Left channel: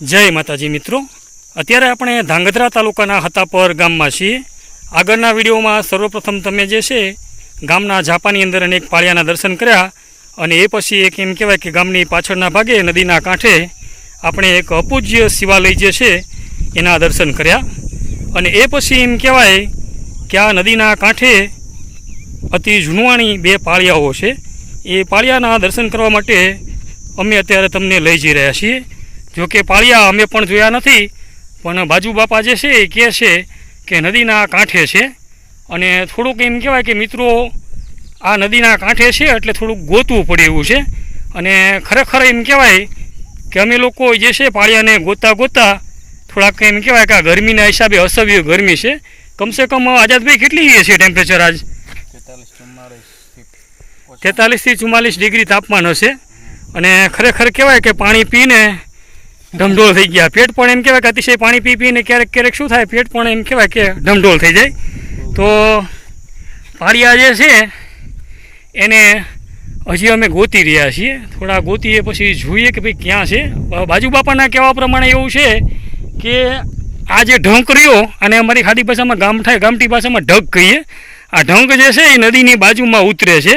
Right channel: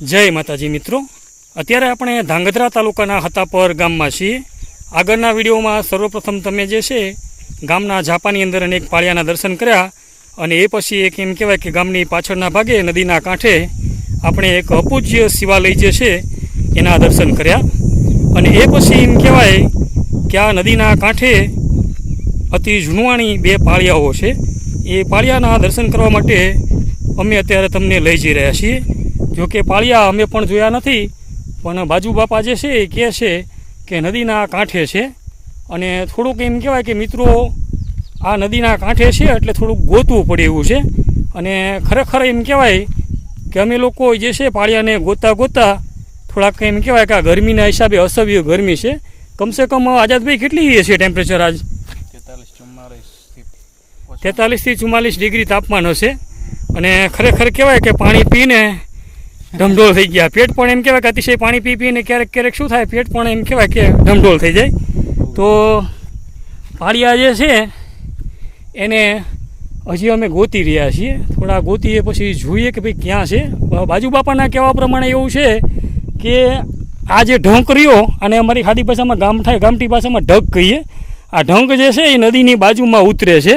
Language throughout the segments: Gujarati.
જય માતાજી મિત્રો. અત્યારે આપણે ધાંગધ્રા તાલુકાના હતાપર ગામમાં છીએ. આગળના વિડીયોમાં સર્વપ્રથમ તમે જે છે, ગામના ઝાપાની અંદર અનેક પાળિયાના દર્શન કર્યા અને એ પછી એક એમ કહેવાય કે ગામની પાછળના ભાગે, નદીના કાંઠે આપણે એક અપૂજ્ય શિવાલય જે છે, એના દર્શન કર્યા. અને એ પછી એમ કહેવાય કે આ નદીના કાંઠે અતિ જૂનવાણી બે પાળિયાઓ છે. એ પાળિયાના દર્શન કરવા માટે અમે અત્યારે તમને લઈ જઈ રહ્યા છીએ. જો કે પાળિયા અમે પણ જોયા નથી પણ બાજુ બાપા જે છે એ કહે છે કે નદીના કાંઠે છે. અને થોડુંક એમ કહેવાય કે મિત્રો આ નદીના કાંઠે છે એટલે થોડુંક ગોતવું પડે એવું છે. અને ખરેખર એમ કહેવાય કે અમે લોકો જે છે પાળિયાને ગોતા ગોતા થોડાક એમ કહેવાય કે આ ગરમીના હિસાબે અસભ્ય ગરમી છે. કમસે કમ આઝાદભાઈ કેટલી છે ટેમ્પરેચર આજ? તેતાલીસથી ચુમ્માલીસ ડિગ્રી તાપમાન હશે. અને ખરેખર કહેવાય કે પાણી પીને ઢમઢોળ થઈ ગયા. પેટ પણ એમ કહેવાય કે અતિશય પાણી પી પીને ક્યારેક ક્યારેક શું થાય? પેટ પણ એમ કહેવાય કે ઢમઢોળ થઈ જાય. તો પાળિયા જે છે, એને હજી અમે ગોતી રહ્યા છીએ. થોડા ગોતીએ પછી જોઈએ કે ભાઈ ક્યાં છે. બાજુ બાપાના કહેવા પ્રમાણે એવું છે કે આ જે ઢંક રહ્યો, અને અમારી ખાડી ભાષામાં ગામઠા ગામઠી ભાષામાં ઢગ કહીએ. આ ઢંક જે છે, એ નદીની બાજુમાં ઉતરે છે.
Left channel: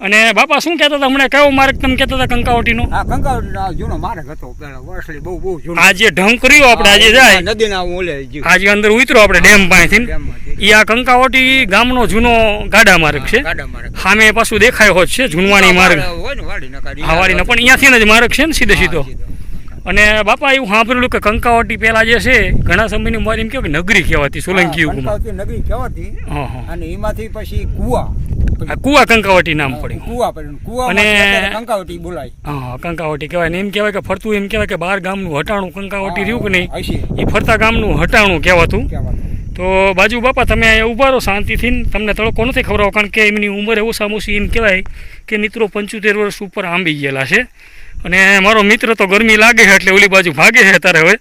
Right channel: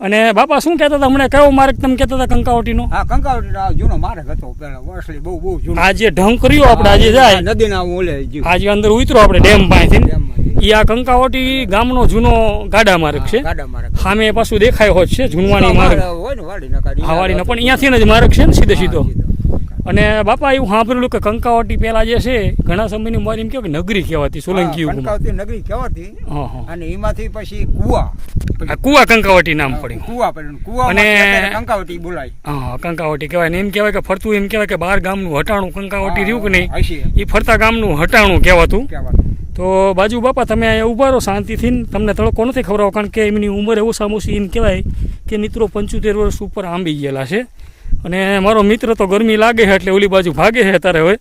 અને બાપા શું કહેતા હતા? હમણાં કયો માર્ગ તમે કહેતા હતા કંકાવટીનો? હા કંકાવટી આ જૂનો માર્ગ હતો. પેલા બહુ બહુ જૂનો. આ જે ઢંક કર્યો આપણે આજે જાય. નદીના ઓલે આજે અંદર ઉતરો આપણે ડેમ પાસેથી. એ આ કંકાવટી ગામનો જૂનો ગાડા માર્ગ છે. સામે પાછું દેખાય હોત છે જૂનવાણી માર્ગ. ને હા વાળીનો પણ અહીંયાથી જ માર્ગ છે ને સીધો. સીધો. અને બાપા એવું સાંભળેલું કે કંકાવટી પેલા જે છે ઘણા સમયની મારી એમ કેવાય કે નગરી કહેવાતી સોલંકી યુગમાં. નગરી કહેવાતી. અને એમાંથી પછી કુવા. કુવા કંકાવટી નામ પડ્યું. કુવા પડ્યું. કુવા અને- કંકાવટી બોલાય. હા કંકાવટી કહેવાય. ને એમ કહેવાય કે ફરતું એમ કહેવાય કે બાર ગામનું હટાણું કંકાવટી રહ્યું કે નહીં? એ ફરતા ગામનું હટાણું કહેવાતું. તો બાજુ બાપા તમે અહીંયા ઊભા રહો શાંતિથી. ને તમને તડકો નથી ખવડાવો કારણ કે એમની ઉંમર એવું સામુસી એમ કહેવાય કે મિત્રો પંચોતેર વર્ષ ઉપર આંબી ગયેલા છે. અને મારો મિત્ર તો ગરમી લાગે છે એટલે ઓલી બાજુ ભાગે છે અત્યારે હવે.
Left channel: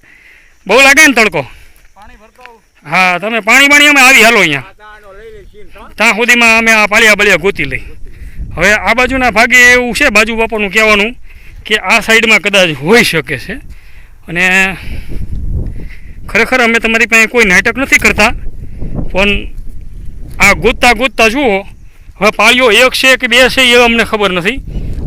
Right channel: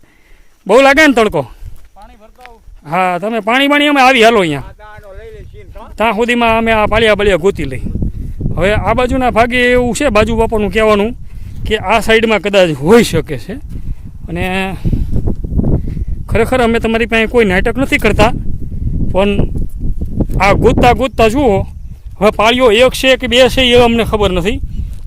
બહુ લાગે ને તડકો? પાણી. હા તમે પાણી બાણી અમે આવી હાલો અહીંયા. ત્યાં સુધીમાં અમે આ પાળિયા બાળિયા ગોતી લઈ. હવે આ બાજુના ભાગે એવું છે બાજુ બાપાનું કહેવાનું કે આ સાઈડમાં કદાચ હોઈ શકે છે. અને ખરેખર અમે તમારી પાસે કોઈ નાટક નથી કરતા પણ આ ગોતતા ગોતતા જુઓ હવે પાળીઓ એક છે કે બે છે એ અમને ખબર નથી.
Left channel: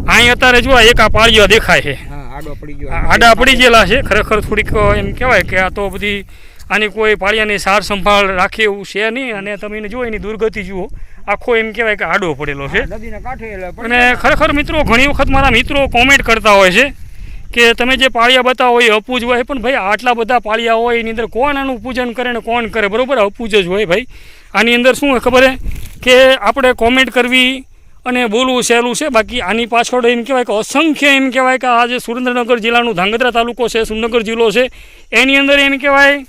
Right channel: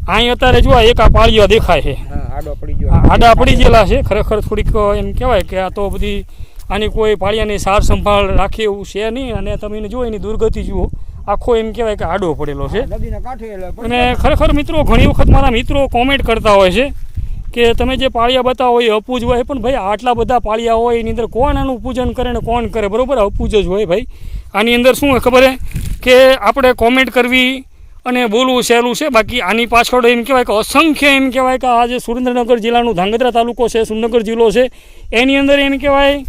અહીં અત્યારે જો એક આ પાળીઓ દેખાય છે. હા આડો પડી ગયેલા છે. ખરેખર થોડીક એમ કહેવાય કે આ તો બધી આની કોઈ પાળિયાની સાર સંભાળ રાખે એવું છે નહીં. અને તમે એને જુઓ એની દુર્ગતિ જુઓ. આખો એમ કહેવાય કે આડો પડેલો છે. અને ખરેખર મિત્રો ઘણી વખત મારા મિત્રો કોમેન્ટ કરતા હોય છે કે તમે જે પાળિયા બતાવો એ અપૂજ હોય. પણ ભાઈ આટલા બધા પાળિયા હોય એની અંદર કોણ આનું પૂજન કરે ને કોણ કરે? બરોબર? અપૂજ જ હોય ભાઈ. આની અંદર શું ખબર છે કે આપણે કોમેન્ટ કરવી અને બોલવું સહેલું છે. બાકી આની પાછળ એમ કહેવાય કે અસંખ્ય એમ કહેવાય કે આ જે સુરેન્દ્રનગર જિલ્લાનું ધાંગધ્રા તાલુકો છે, સુરેન્દ્રનગર જિલ્લો છે, એની અંદર એમ કહેવાય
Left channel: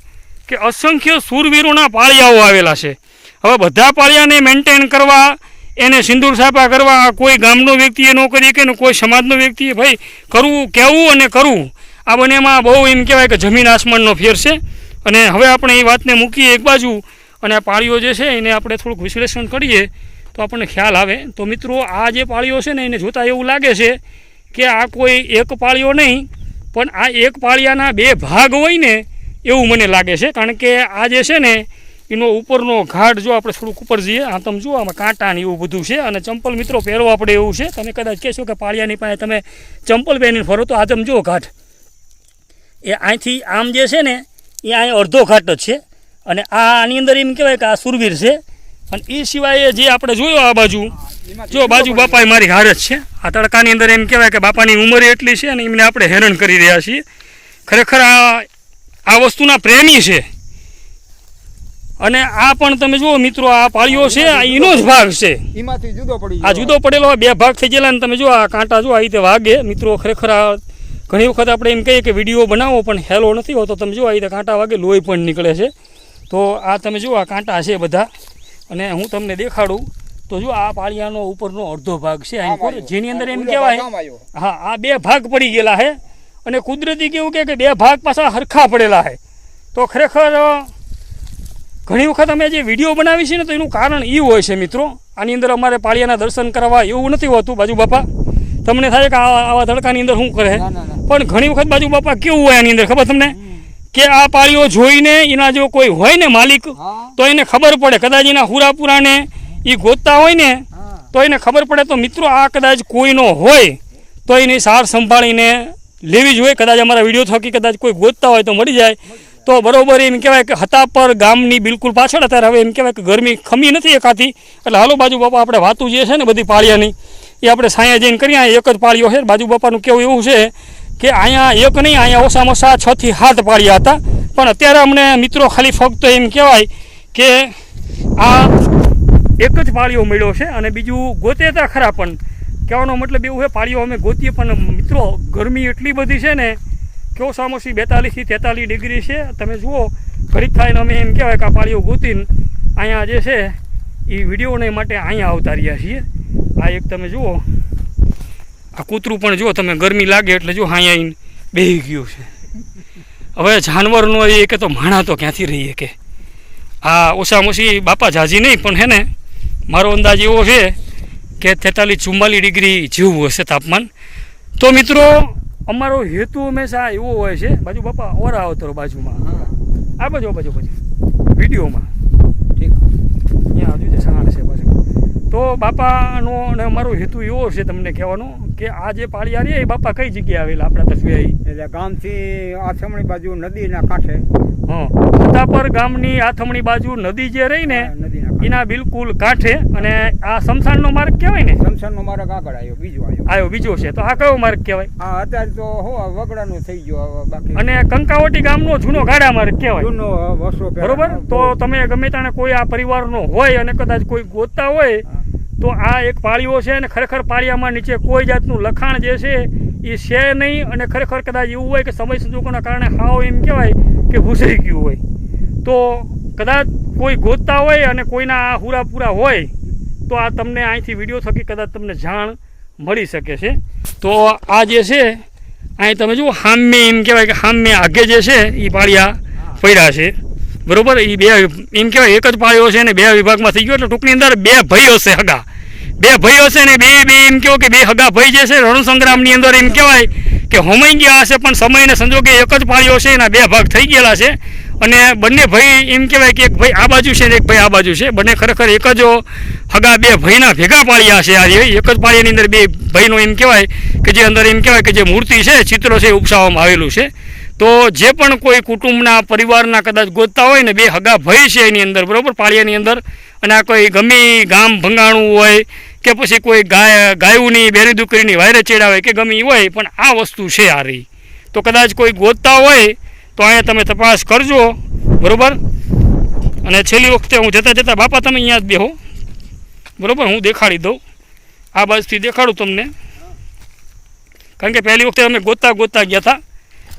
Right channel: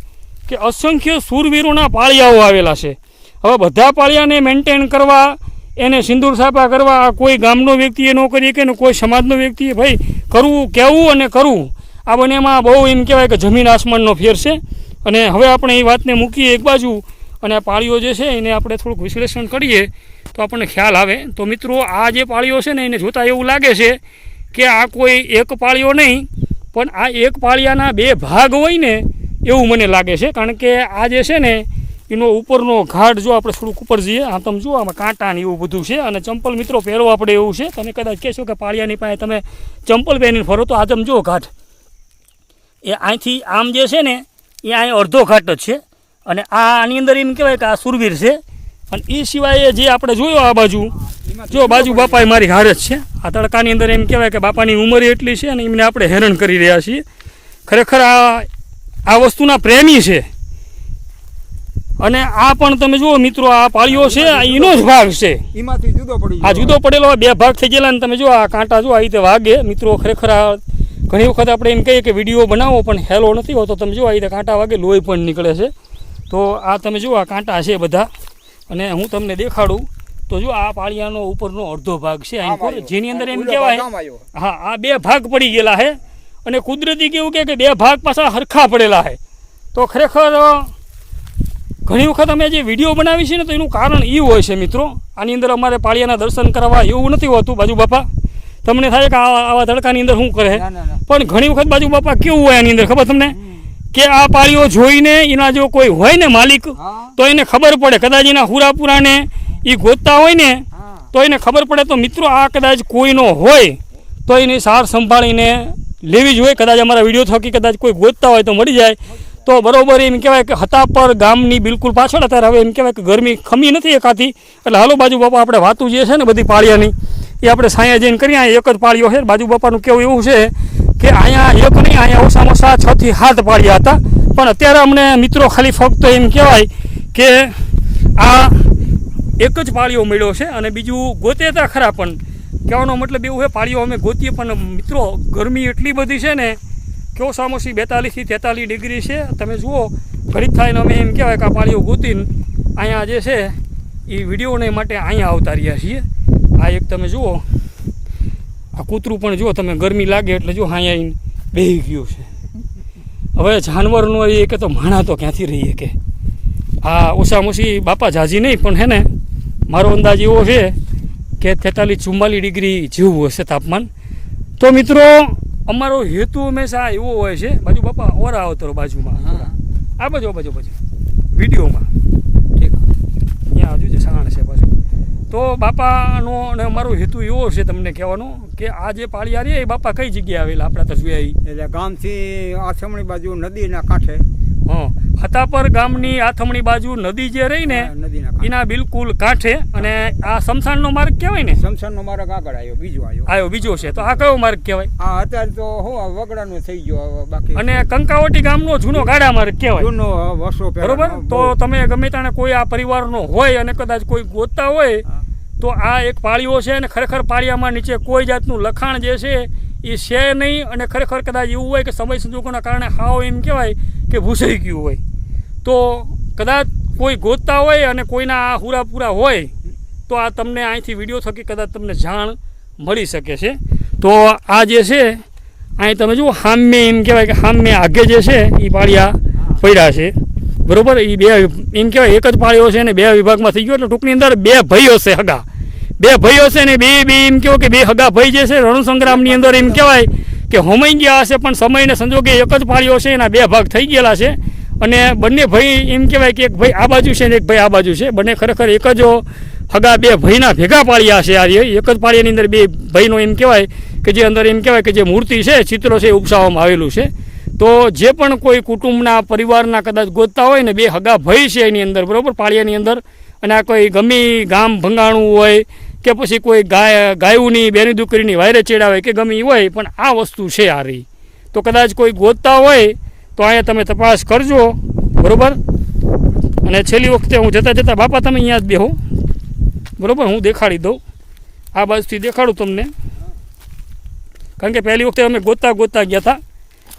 કે અસંખ્ય સૂરવીરોના પાળિયાઓ આવેલા છે. હવે બધા પાળિયાને મેન્ટેન કરવા, એને સિંદૂર છાપા કરવા કોઈ ગામનો વ્યક્તિએ ન કરી કે કોઈ સમાજનો વ્યક્તિએ, ભાઈ, કરવું, કહેવું અને કરવું. આ બંનેમાં બહુ એમ કહેવાય કે જમીન આસમાનનો ફેર છે. અને હવે આપણે એ વાતને મૂકીએ એક બાજુ અને આ પાળીઓ જે છે એને આપણે થોડુંક વિશ્લેષણ કરીએ. તો આપણને ખ્યાલ આવે. તો મિત્રો, આ જે પાળીઓ છે ને, એને જોતાં એવું લાગે છે કે આ કોઈ એક પાળીઓ નહીં, પણ આ એક પાળિયાના બે ભાગ હોય ને, એવું મને લાગે છે. કારણ કે આ જે છે ને, એનો ઉપરનો ઘાટ જો આપણે થોડુંક ઉપર જઈએ, આ તમે જુઓ, આમાં કાંટા ને એવું બધું છે. અને ચંપલ મિત્રો પહેરો આપણે એવું છે. તમે કદાચ કહેશો કે પાળિયાની પાસે તમે ચંપલ પહેરીને ફરો, તો આ તમે જુઓ ઘાટ. એ અહીંથી આમ જે છે ને, એ અહીં અડધો ઘાટ જ છે. અને આ આની અંદર એમ કહેવાય કે આ સુરવીર છે. અને એ સિવાય જે આપણે જોયો આ બાજુ જો બાજુ બાપા મારી હાર જ છે. આ તડકાની અંદર એમ કહેવાય કે બાપાની ઉંમર એટલી છે અને એમને આપણે હેરાન કરી રહ્યા છીએ. ખરેખર આ આ વસ્તુના પ્રેમી છે. અને આ પણ તમે જુઓ મિત્રો આ પાળીઓ છે આ એનો જ ભાગ છે. આ જુદો પડેલો બે ભાગ થઈ ગયેલા ને તમે જો આ કાંટા જો આ રીતે વાગે. મિત્રો ખરેખર આ ઘણી વખત આપણે એમ કહીએ કે વીડિયો બનાવો પણ હેલો નથી હોતો. તમે જો આ રીતે કાંટા વાગે લોહી પણ નીકળે છે. તો આ તમે જુઓ આ કાંટા છે બધા. અને હું તમને દેખાડું તો જો આ પાળિયાનો ઉપરનો અડધો ભાગ છે અહીં જેની અંદર એમ કહેવાય હા આ બે ભાગ પડી ગયેલા છે. અને કુદરતી કેવું કે બે ભાગ પાછા હરખા પડેલા છે. તો ખરેખર ઘણી વખત અમે જે વીડિયો બનાવી છે ને તો એનું કારણ એ હોય છે મિત્રો આની અંદર અમારે પાળિયાના દર્શન કરાવવા એવું નથી હોતું બાજુ બાપા. તમને થાય કે આવા આવા તડકાની અંદર શું કરે પણ ઘણી વખત બાજુ બાપા કેવું હોય આની અંદર ખબર તમને. કે આ પાળીઓ જોઈને એના જો કોઈ હોય ને માલિક તો એને ખબર પડે. કદાચ એના હુરાપુરાને એ ગોતતા હોય ને તો એને ખબર પડે તો મિત્રો આ કદાચ કોઈનો હોય તો એની સાર સંભાળીને લેવી જોઈએ. કદાચ અમારા વીડિયો થકી કદાચ કોઈ ગોતતા હોય તો મળી જાય. તો બરોબર એમ કહેવાય કે હતા પર ગામની બિલકુલ પાછળ અત્યારે હવે એમ કહેવાય કે ગરમી ખમી નથી એકાથી. એટલે હાલો બાજુ બાપા આપણે વાતું જે છે ને બધી પાળિયાની એ આપણે સાયા જઈને કરીએ. એક જ પાળીઓ છે. બાજુ બાપાનું કેવું એવું છે કે અહીંયા એક નહીં, અહીંયા ઓછામાં ઓછા છ થી સાત પાડ્યા હતા. પણ અત્યારે અમને મિત્રો ખાલી ફક્ત એમ કહેવાય કે આ એક જ પાળીઓ મળ્યો છે અને બીજું ગોતે હતા ખરા પણ. કહેવાનો મતલબ એવું છે પાળીઓ અમે ગોતીએ, પણ મિત્રો ગરમી એટલી બધી છે ને કે ઓછામાં બેતાલીસથી તેતાલીસ ડિગ્રી છે. તમે જુઓ, ઘડીક થાય અમે એમ કહેવાય કે આ પાળીઓ ગોતીને અહીંયા જે છે એ વિડીયોને માટે અહીંયા આવતા રહ્યા છીએ. આ એક તમે જુઓ આ કૂતરું પણ જો તમે ગરમી લાગે એટલે જો હાઈ આવીને બેહી ગયું છે. હવે જાનવરનો એ કે તો માણા તો ક્યાંથી રહીએ કે? આ ઓછામાં ઓછી બાપા જાજી નહીં પણ હે ને મારો અંદાજ એવો છે કે તેતાલીસ ચુમ્માલીસ ડિગ્રી જેવું હશે તાપમાન. તો મિત્રો અમારો હેતુ હંમેશા એવો હોય છે બાજુ બાપા ઓરા અવતરો બાજુમાં. આ બાજુ બાજુ બાજુ. વિડીયોમાં. ઠીક. અહીંયા હજુ છે સાણ છે પાછું તો બાપાનો અને અમારો હેતુ એવો છે તમને કહેવાનો કે આ જે પાળિયા રહી એ બાપા કઈ જગ્યાએ આવેલા? આપણા તસવી એટલે ગામથી આથમણી બાજુ નદીના કાંઠે. હા. હતાપર ગામની આથમણી બાજુ નદી જે રહી ને એના બિલકુલ કાંઠે અને આ શમશાનનો માર્ગ કહેવાય ને? શમશાનનો માર્ગ આગળ આવ્યો બીજો આવ્યો. આવ્યો બીજો છે. તો આ કયો માર્ગ કહેવાય? હા અત્યારે તો હો વગડાનો થઈ ગયો બાકી. અને કંકાવટી ગામનો જૂનો ગાડા માર્ગ કહેવાય. જૂનો વર્ષો બરોબર? તો તમે ગમે તાણે કોઈ આ પરિવારનો હોય અને કદાચ કોઈ ગોતતા હોય તો આ એક પાળીઓ છે અને ખરેખર પાળિયામાં નીચે કોઈ જાતનું લખાણ જે છે એ છે નહીં અને ખરેખર કદાચ એવું હોય કે સમય સંજોગોના કારણે હાવ એમ કહેવાય કે ભૂસાઈ ગયું હોય. તો કદાચ કોઈ ગોતતા હોય અને કોઈના આ હુરાપુરા હોય, તો આ તમને અહીંથી વીડિયો થકી કદાચ તમને જાણ મળી શકે છે. તો આ જે છે, અહીં તમે જુઓ, હામે એમ કહેવાય કે હામે આગે જે છે, એ પાળિયા પડ્યા છે. બરોબર? એ બે એમ કહેવાય, એક જ પાળ્યો છે ને બે વિભાગમાં થઈ ગયો એટલે ટૂંકની અંદર બે ભાઈઓ છે હગા. બે ભાઈઓ છે ને બે બે એમ કહો કે બે હગા ભાઈ જે છે રણ સંગ્રામની અંદર એમ કહેવાય કે હોમાઈ ગયા હશે, પણ સમયને સંજોગે એક જ પાળીઓ છે એના બે ભાગ થઈ ગયેલા છે. અને બંને ભાઈ એમ કહેવાય કે એક ભાઈ આ બાજુ છે ને એક ભાઈ આ બાજુ છે. બંને ખરેખર એક જ હગા બે ભાઈના ભેગા પાળ્યા છે આ એક જ પાળીઓની અંદર બે ભાઈનો એમ કહેવાય કે જે અંદર એમ કહેવાય કે જે મૂર્તિ છે, ચિત્રો છે એ ઉપસાવવામાં આવેલું છે. તો જે પણ કોઈ કુટુંબના પરિવારના કદાચ ગોતતા હોય ને, બે હગા ભય છે એની અંદર, બરોબર? પાળિયાની અંદર. અને આ કોઈ ગમી ગામ ભંગાણું હોય કે પછી કોઈ ગાય, ગાયુની, બેની દીકરીની વાયરે ચેડાવે કે ગમી હોય, પણ આ વસ્તુ છે આ રહી તો કદાચ કોઈ ગોતતા હોય, તો અહીંયા તમે તપાસ કરજો, બરાબર? અને છેલ્લી વખતે હું જતાં જતાં, બાપા તમે અહીંયા જ બેહો, બરાબર? હું દેખાડી દઉં. આ બાજુથી દેખાડું તમને. કારણ કે પહેલી વખતે અમે ગોતા ગોતા ગયા હતા.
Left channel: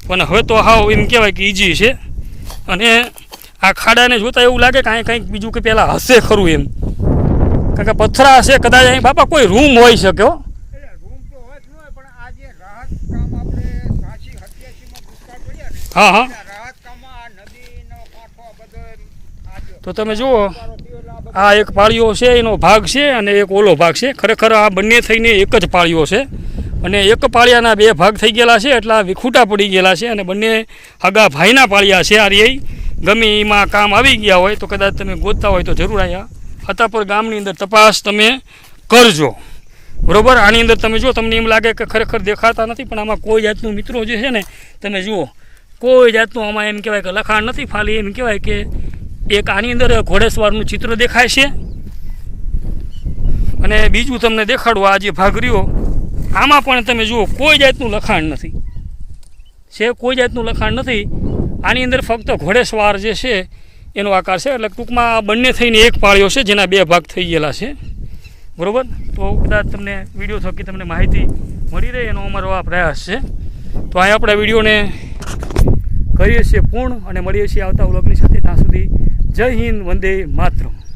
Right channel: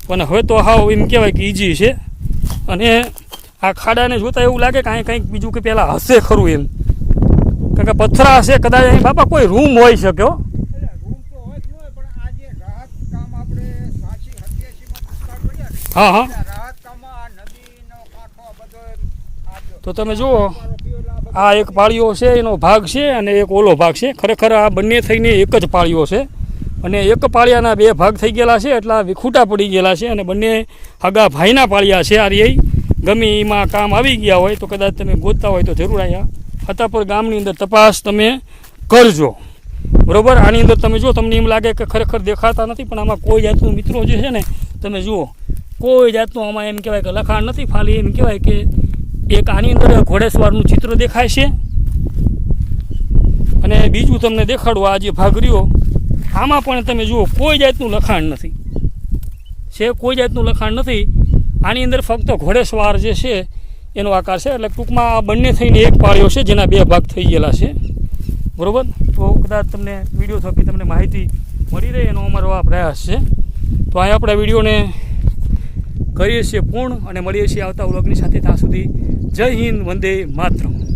પણ હવે તો હાવ એમ કહેવાય કે ઇઝી છે. અને આ ખાડાને જોતાં એવું લાગે કે અહીં કંઈક બીજું કે પહેલાં હશે ખરું એમ. કારણ કે પથરા હશે, કદાચ અહીં બાપા કોઈ રૂમ હોઈ શકે હો. હા હા. તો તમે જુઓ, આ એક પાળીઓ છે, એનો ભાગ છે અને એક ઓલો ભાગ છે. ખરેખર આ બંને થઈને એક જ પાળીઓ છે. અને એક પાળિયાના બે ભાગ થઈ ગયેલા છે, એટલે વિખૂટા પડી ગયેલા છે અને બંને હગા ભાઈના પાળિયા છે આ રે ગમે એમાં કામ આવી ગયા હોય તો કદાચ તમે ગોતતા હોય તો જરૂર અહીંયા હતાપર ગામની અંદર તપાસ તમે કરજો. બરોબર? આની અંદર તમે જો, તમને એમ લાગે કે ખરેખર દેખાતા નથી, પણ આમાં કોઈ જાતનું મિત્રો જે છે ને, તમે જુઓ. કોઈ જાતનું આમાં એમ કહેવાય કે લખાણ નથી, ખાલી એમ કહેવાય કે એક આની અંદર ઘોડેસવારનું ચિત્ર દેખાય છે. અને બીજું તમને દેખાડું, આ જે ભાગ રહ્યો આમાં પણ તમે જુઓ, કોઈ જાતનું લખાણ નથી. છે, કોઈ જાતનું લખાણ નથી. આની અંદર ફક્ત ઘોડેસવાર જે છે, એનો આકાર છે. એટલે ટૂંકમાં આ બંને થઈને એક પાળ્યો છે, જેના બે ભાગ થઈ ગયેલા છે. બરોબર? તો કદાચ તમને વીડિયો થકી તમને માહિતી મળી રહે, એનો અમારો આ પ્રયાસ છે. તો અહીં આપણે વિડીયોને કરીએ છીએ પૂર્ણ અને મળીએ છીએ આવતા વ્લોગની સાથે. ત્યાં સુધી જય હિન્દ, વંદે માતરમ.